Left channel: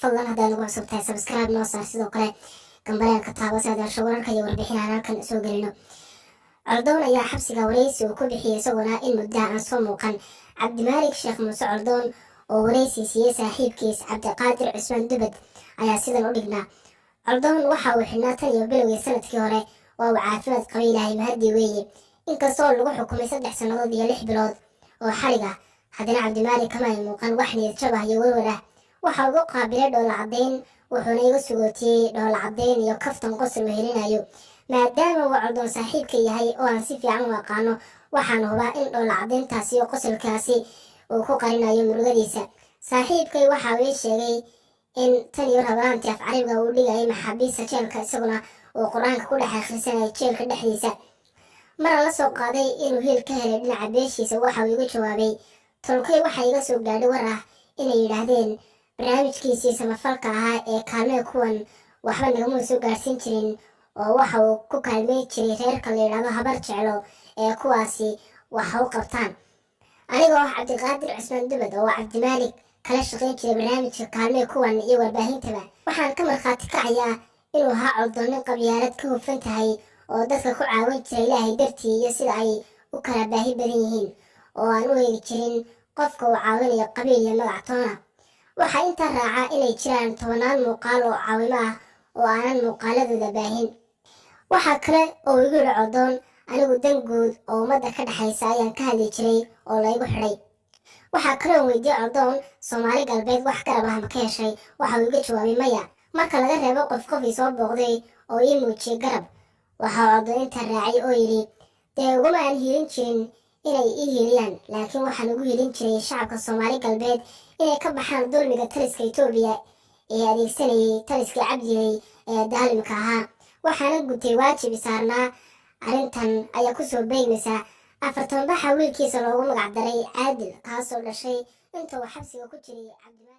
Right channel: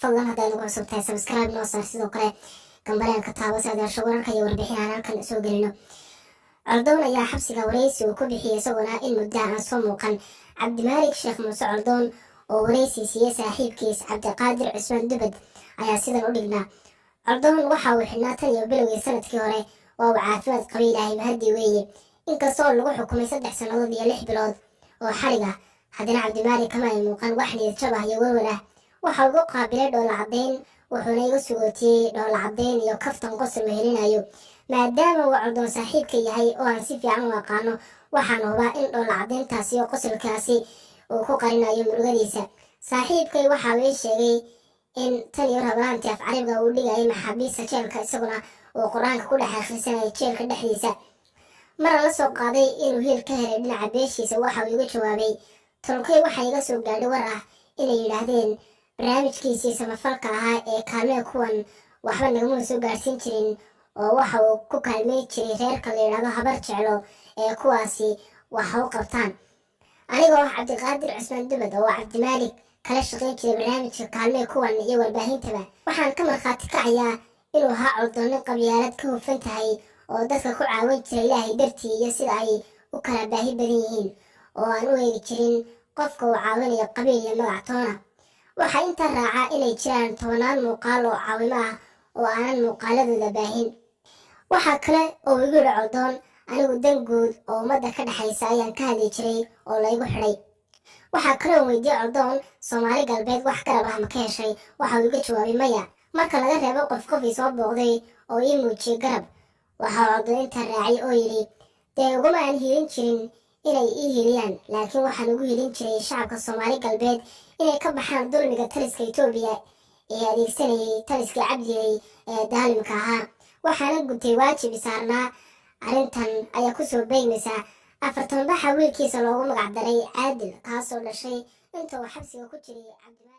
fadlan haddaad nagu cusub tahay subscribe noo saar sidoo kale gambaleelka taabo si aad hesho wararka iyo warbixinaha halkan soo gelino. Coldoon ayaa xabsiga wareysi uu ku bixiyay isaguna in muddo aan soo muuqan. Cabdimaalik Sheekh Muuse Coldoon oo wareysi siiyay saaxiibkiis Cabdiqaadir Cusmaan Dubad ayaa sidan u dhignaa. Coldoon waxa uu xidhnaa tan iyo bilowgii sanadkii hore waa uu caafimaad qabay Ilaahay mahadii weeye. Inkastoo lagu xukumay 3 sannadood iyo 6 bilood oo xarig ah, haddana Cabdimaalik kama ay muuqan wax niyad jab ah iyo warwar ah. Waxa uu qaabilay dhoola cadeyn, wuxuuna iga sugootiyay dhoola cadeyn iyo kaftan qosol uu helinayo. maadaama uu Coldoon saaxiibka yahay oo aan si fiican u aqaano, waxaan hubaa in dhoola cadeyntaasi iyo qosolkaasi uu ku qarinayo murugadiisa. Saaxiibkay waxa uu sheegay in tan iyo rabanaantii af carabiga uu dhigay maxaabiista jeelka isaguna uu quraanka ku dhex akhrisanayay jeelka dhexdiisa. mar la soo qaaday inuu hiil ka helay dhinaca beeshiisa waxa uu iga jawaabay, tolkay waxa iga soo gaadhay war ah inay yiraahdeen barnaamijkiisii samafalka ahaa ee kaalmee kuwan waxba nagama soo gaarsiin jirin oo waxa uu ku kaalmey jiray reerka la yiraahdo habar jeclo ee kuwaasi waxa u qabtaan. anigoo Cabdiqaadir Cusmaan Dubad oo Cabdimaalik kala shaqeyn jiray barnaamijka kaalmee kuwan iyo warbaahintaba, waxaan ka markhaati kacayaa inuu ahaa Coldoon nin qabyaalad ka hufan tahay oo dadka ku caawin jiray Ilaahay dartii iyo sida ay u kala baahi badan yihiin oo aan u eegi jirin qofka uu caawinayo qabiil iyo magac toona. waxaa inta raaca inay jiraan 10 muuqaal oo caawimo ah oo aanan muuqaaladooda baahin. waxaa kale oo igu yiri Coldoon, anigu dan guud oo ummadda ka dhaxaysa ayaan ka hadli jiray oo la igu xidhay. waxaa kale oo weydiiyay Coldoon, Soomaali galbeed wax garab ah ma ka heshay? waxa uu iga jawaabay maya, marka laga reebo qof ii soo booqday oo ii muujiyay garab. waxa Coldoon inta raacay oo yiri, dee uguma aan hiilin jirin inay ii hiiliyaan, laakiin waxaan ugu hiilin jiray shacabka Soomaali galbeed inay ka baxaan dulmiga taliska Itoobiya ee adeegsanayay taliska Cabdiyey ee daalimka ahaa. waxaana gutay waajib saarnaa. arrintan ayaa ku soo beegmaysa 4 baxa wiilkiisa loogu magac daray Caadil, kaasoo dhashay inta uu xabsiga ku jiray Cabdimaalik.